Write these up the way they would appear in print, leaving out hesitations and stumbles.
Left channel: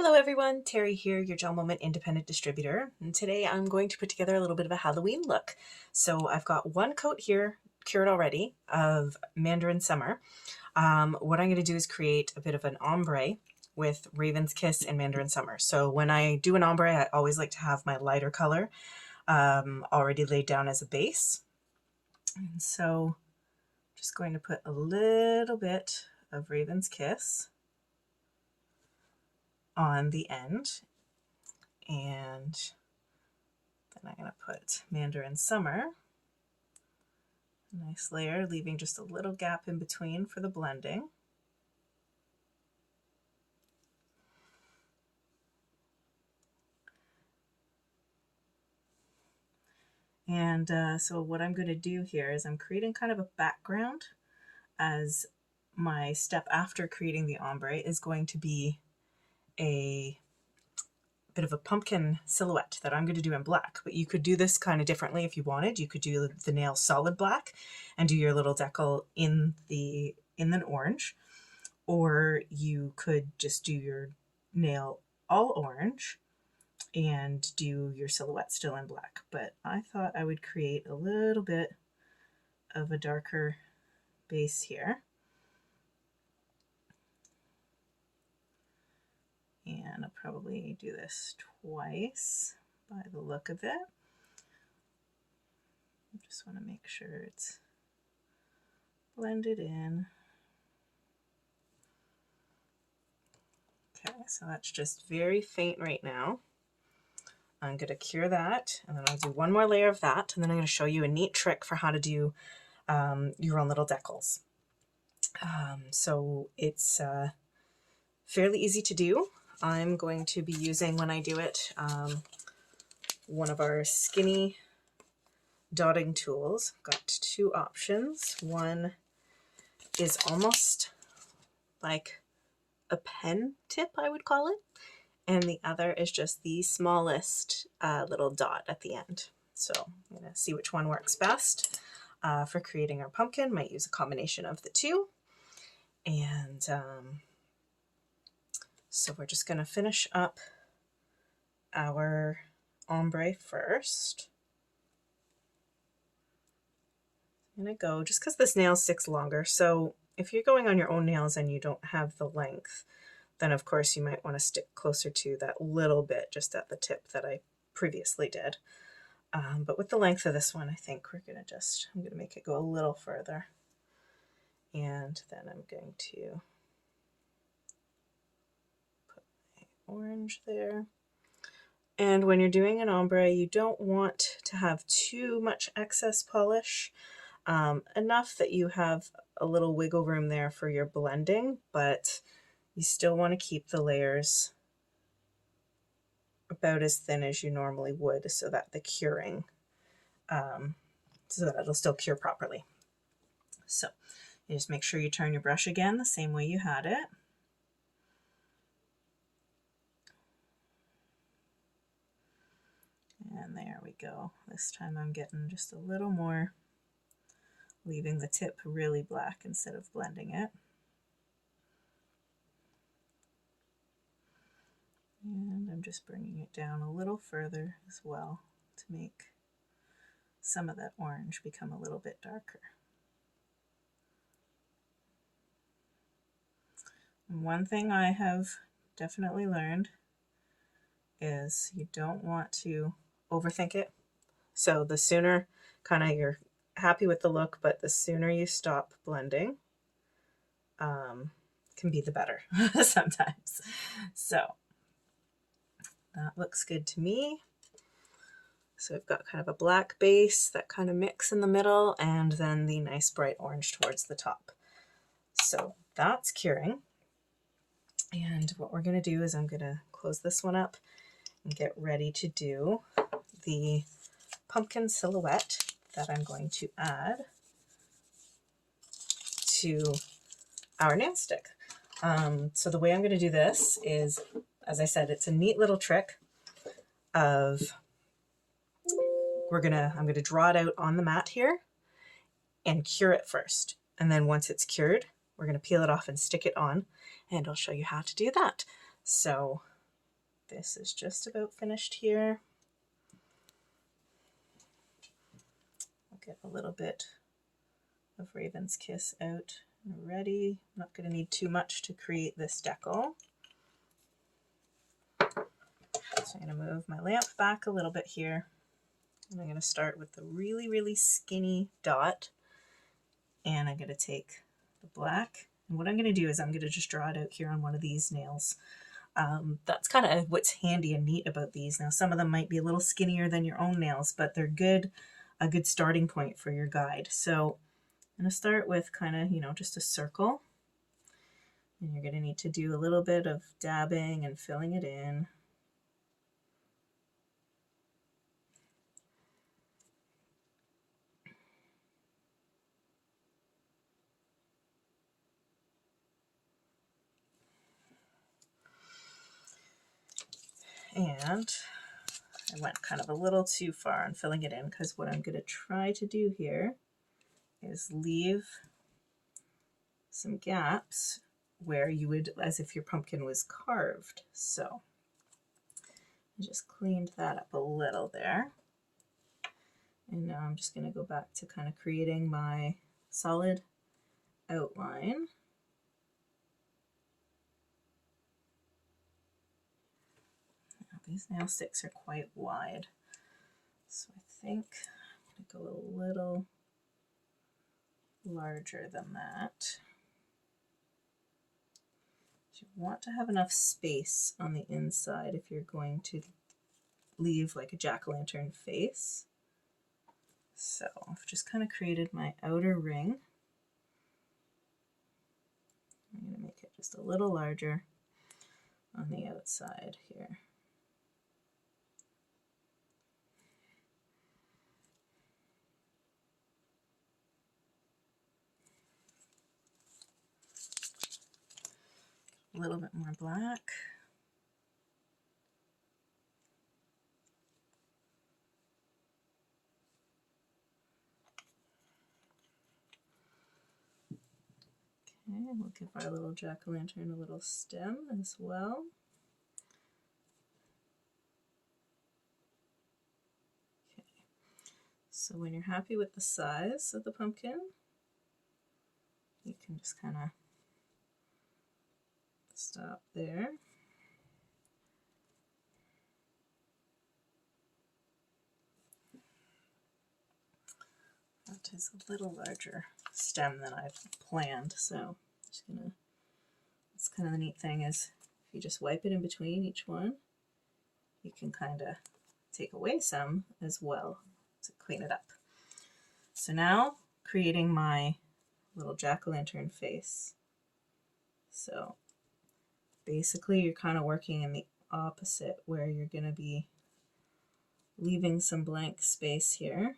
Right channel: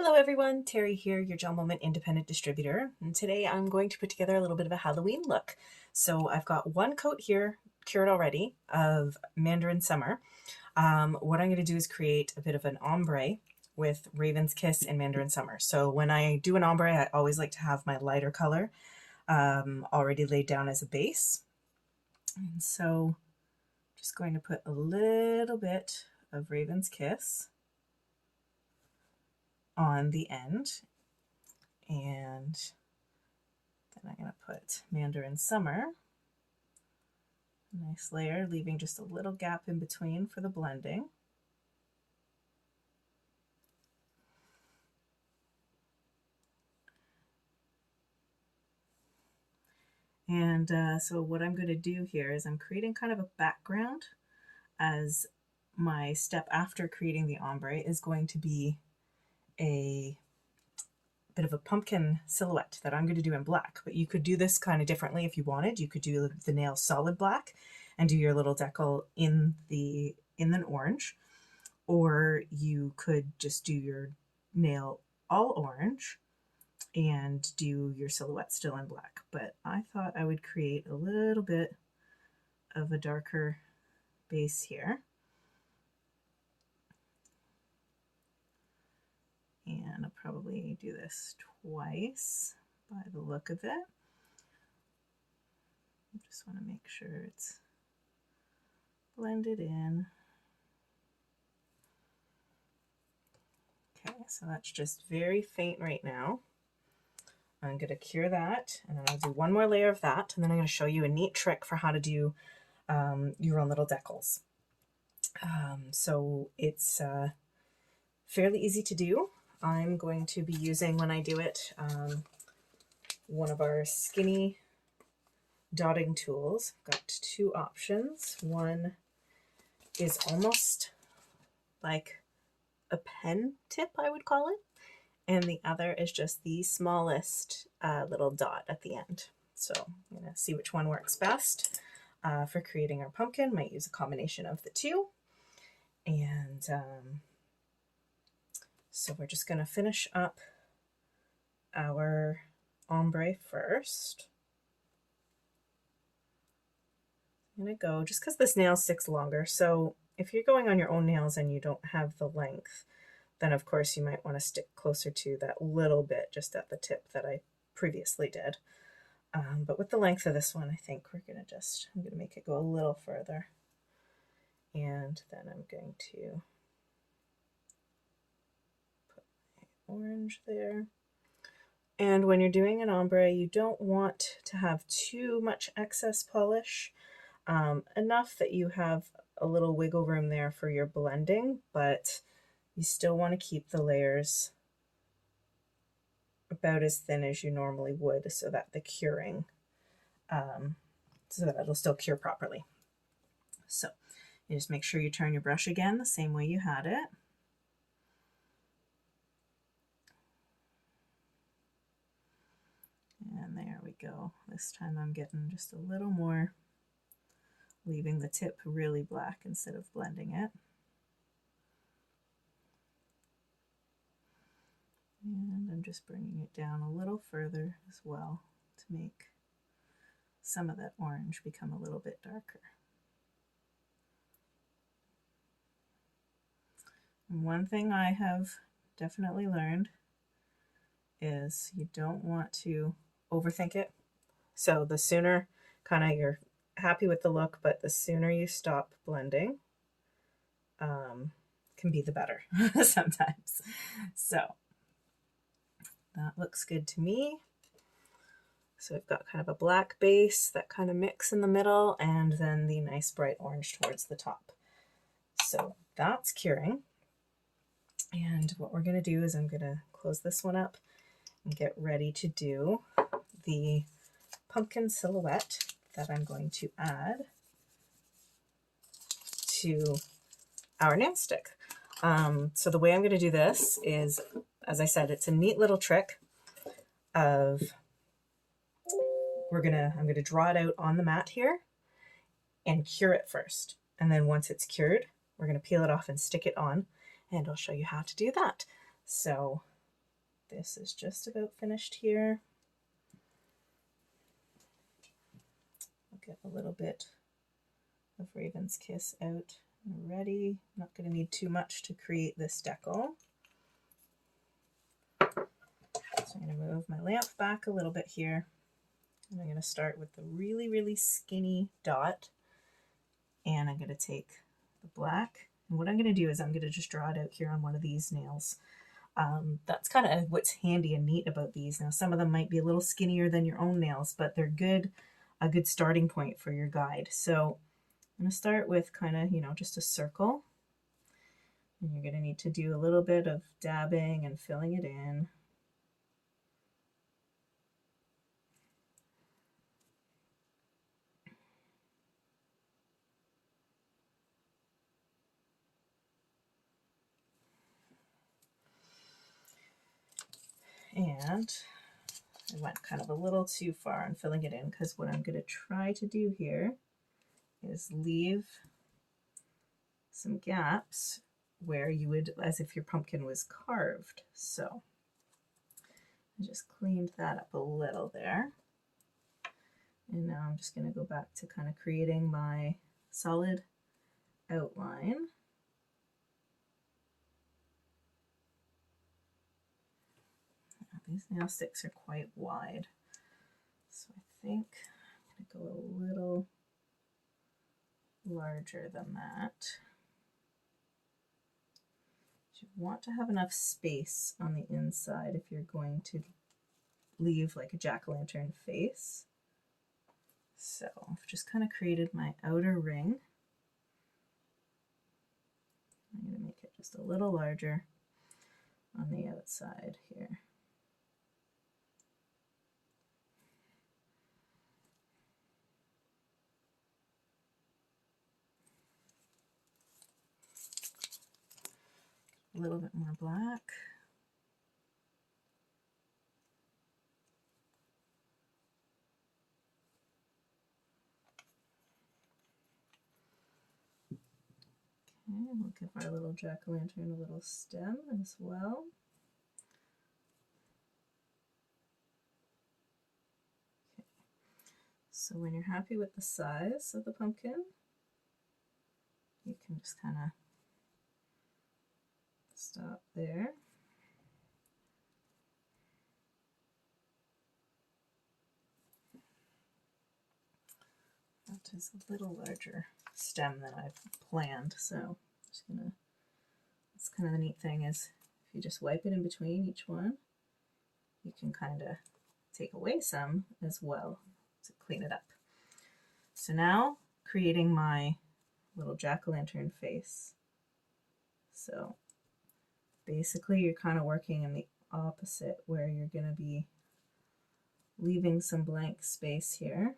Hello everyone, Terry here, your GelMoment independent distributor, and today I'm going to put together a little bit of a Halloween look. So I've got one coat here cured already of Mandarin Summer. What I'm going to do is create a bit of an ombre with Raven's Kiss and Mandarin Summer. So when I do an ombre, I always like to have my lighter color already laid down as a base. And so I'm just going to put a little bit of Raven's Kiss on the end, and then I'm going to put Mandarin Summer, a nice layer, leaving just a little gap in between for the blending. And so what I'm going to do here is I'm creating kind of a background, as my step after creating the ombre is going to be a bit of a pumpkin silhouette that I'm going to do in black. But you could do this kind of differently if you wanted. You could do the nail solid black and do your little decal in an orange, or you could just do your nail all orange and do your silhouette still in black. But I thought I would create a little bit of a darker base here. And I'll probably do this twice by the look of it. I just want to make sure it's blended in. Okay, so that's just very faint right now. I'm going to cure that, and then I'll do one more layer of that, and then I'm going to show you a neat trick for how to do your own little decals. So it's fairly easy to do. I'm going to be using, when I do it, one of our skinny dotting tools. I've got two options. One is almost like a pen tip, I would call it, and the other is just the smallest little dot at the end. So I'm going to see which one works best for creating our pumpkin. Might use a combination of the two. And so we're just going to finish up our ombre first. I'm going to go, just because this nail sticks longer, so if you're going on your own nails and you don't have the length, then of course you might want to stick closer to that little bit just at the tip that I previously did. But with the length of this one, I think I'm going to make it go a little further. And then I'm going to put my orange there. And when you're doing an ombre, you don't want to have too much excess polish, enough that you have a little wiggle room there for your blending, but you still want to keep the layers about as thin as you normally would, so that the curing, so that it'll still cure properly. So you just make sure you turn your brush again the same way you had it. And there we go. This time I'm getting just a little more, leaving the tip really black instead of blending it. And I'm just bringing it down a little further as well to make some of that orange become a little bit darker. And one thing I have definitely learned is you don't want to overthink it. So the sooner kind of you're happy with the look, but the sooner you stop blending can be the better sometimes. So that looks good to me. So we've got kind of a black base, that kind of mix in the middle, and then the nice bright orange towards the top. So that's curing. And what we're going to do is I'm going to close this one up and get ready to do the pumpkin silhouette that I'm going to add to our nail stick. So the way I'm going to do this is, as I said, it's a neat little trick of, I'm going to draw it out on the mat here and cure it first. And then once it's cured, we're going to peel it off and stick it on, and I'll show you how to do that. So this is just about finished here. I'll get a little bit of Raven's Kiss out already. I'm not going to need too much to create this decal. So I'm going to move my lamp back a little bit here. And I'm going to start with the really, really skinny dot. And I'm going to take the black. And what I'm going to do is I'm going to just draw it out here on one of these nails. That's kind of what's handy and neat about these. Now, some of them might be a little skinnier than your own nails, but they're a good starting point for your guide. So I'm going to start with kind of, you know, just a circle. And you're going to need to do a little bit of dabbing and filling it in. And I went kind of a little too far on filling it in, because what I'm going to try to do here is leave some gaps where you would, as if your pumpkin was carved. So I just cleaned that up a little there. And now I'm just going to go back to kind of creating my solid outline. These nail sticks are quite wide, so I think I'm going to go a little larger than that. You want to have enough space on the inside if you're going to leave like a jack-o'-lantern face. So I've just kind of created my outer ring. I'm going to make it just a little larger on the outside here. A little bit more black. Okay, we'll give our little jack-o'-lantern a little stem as well. Okay, so when you're happy with the size of the pumpkin, you can just kind of stop there. That is a little larger stem than I've planned, so I'm just gonna, that's kind of the neat thing, is if you just wipe it in between each one, you can kind of take away some as well to clean it up. So now creating my little jack-o'-lantern face. So basically you're kind of working in the opposite, where you're going to be leaving some blank space here.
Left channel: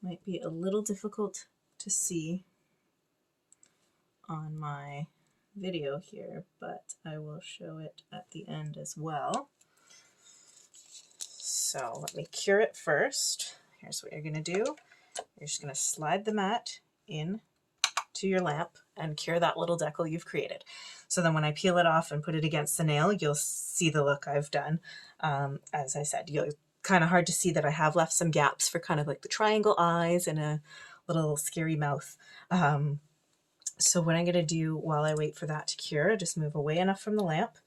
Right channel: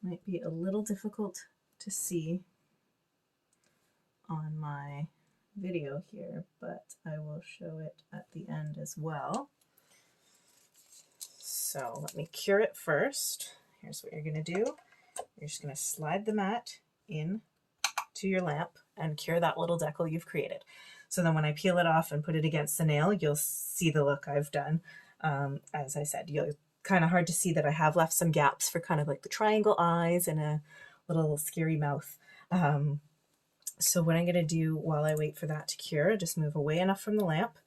Might be a little difficult to see on my video here, but I will show it at the end as well. So let me cure it first. Here's what you're going to do. You're just going to slide the mat in to your lamp and cure that little decal you've created. So then when I peel it off and put it against the nail, you'll see the look I've done. As I said, you'll kind of hard to see that I have left some gaps for kind of like the triangle eyes and a little scary mouth. So what I'm going to do while I wait for that to cure, just move away enough from the lamp,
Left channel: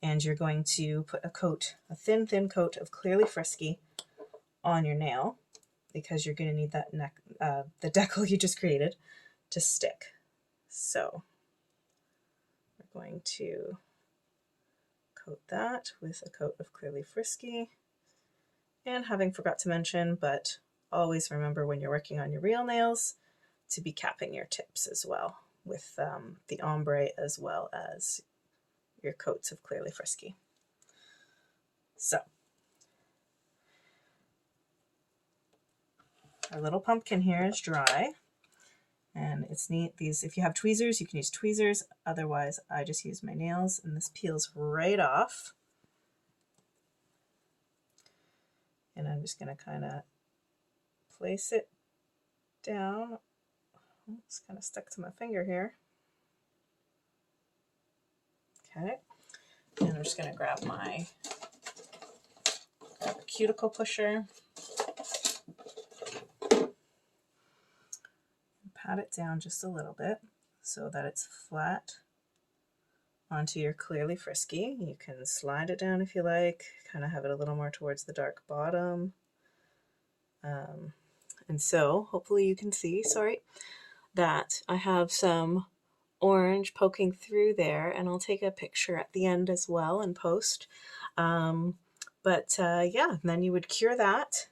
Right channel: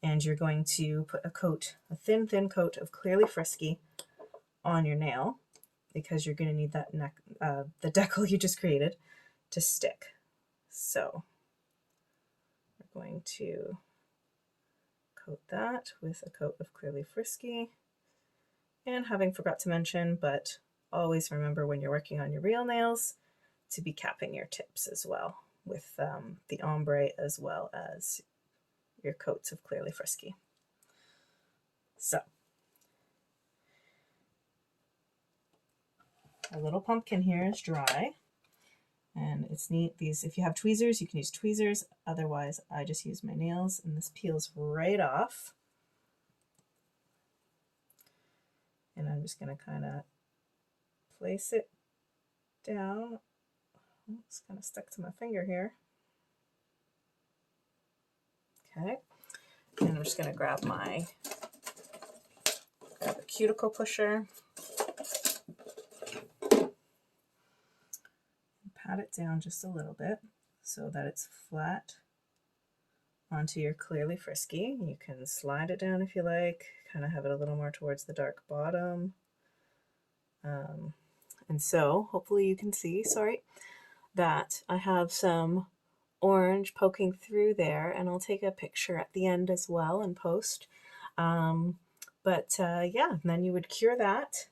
and you're going to put a thin coat of Clearly Frisky on your nail, because you're going to need that the decal you just created to stick. So we're going to coat that with a coat of Clearly Frisky. And having forgot to mention, but always remember when you're working on your real nails to be capping your tips as well with the ombre as well as your coats of Clearly Frisky. So our little pumpkin here is dry, and it's neat. These, if you have tweezers, you can use tweezers. Otherwise, I just use my nails, and this peels right off. And I'm just going to kind of place it down. It's kind of stuck to my finger here. Okay, and I'm just going to grab a cuticle pusher, and pat it down just a little bit so that it's flat onto your Clearly Frisky. You can slide it down if you like, kind of have it a little more towards the dark bottom. And so hopefully you can see, that I have some orange poking through there, and I'll take a picture at the end as well and post. Yeah, then you would cure that.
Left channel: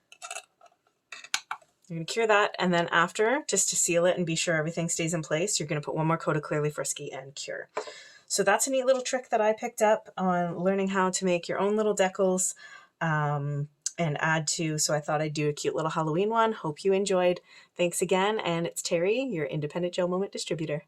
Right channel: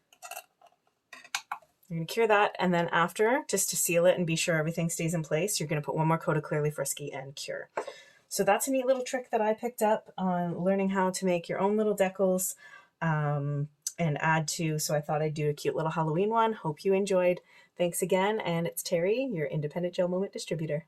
You're going to cure that, and then after, just to seal it and be sure everything stays in place, you're going to put one more coat of Clearly Frisky and cure. So that's a neat little trick that I picked up on learning how to make your own little decals and add to, so I thought I'd do a cute little Halloween one. Hope you enjoyed. Thanks again, and it's Terry, your independent GelMoment distributor.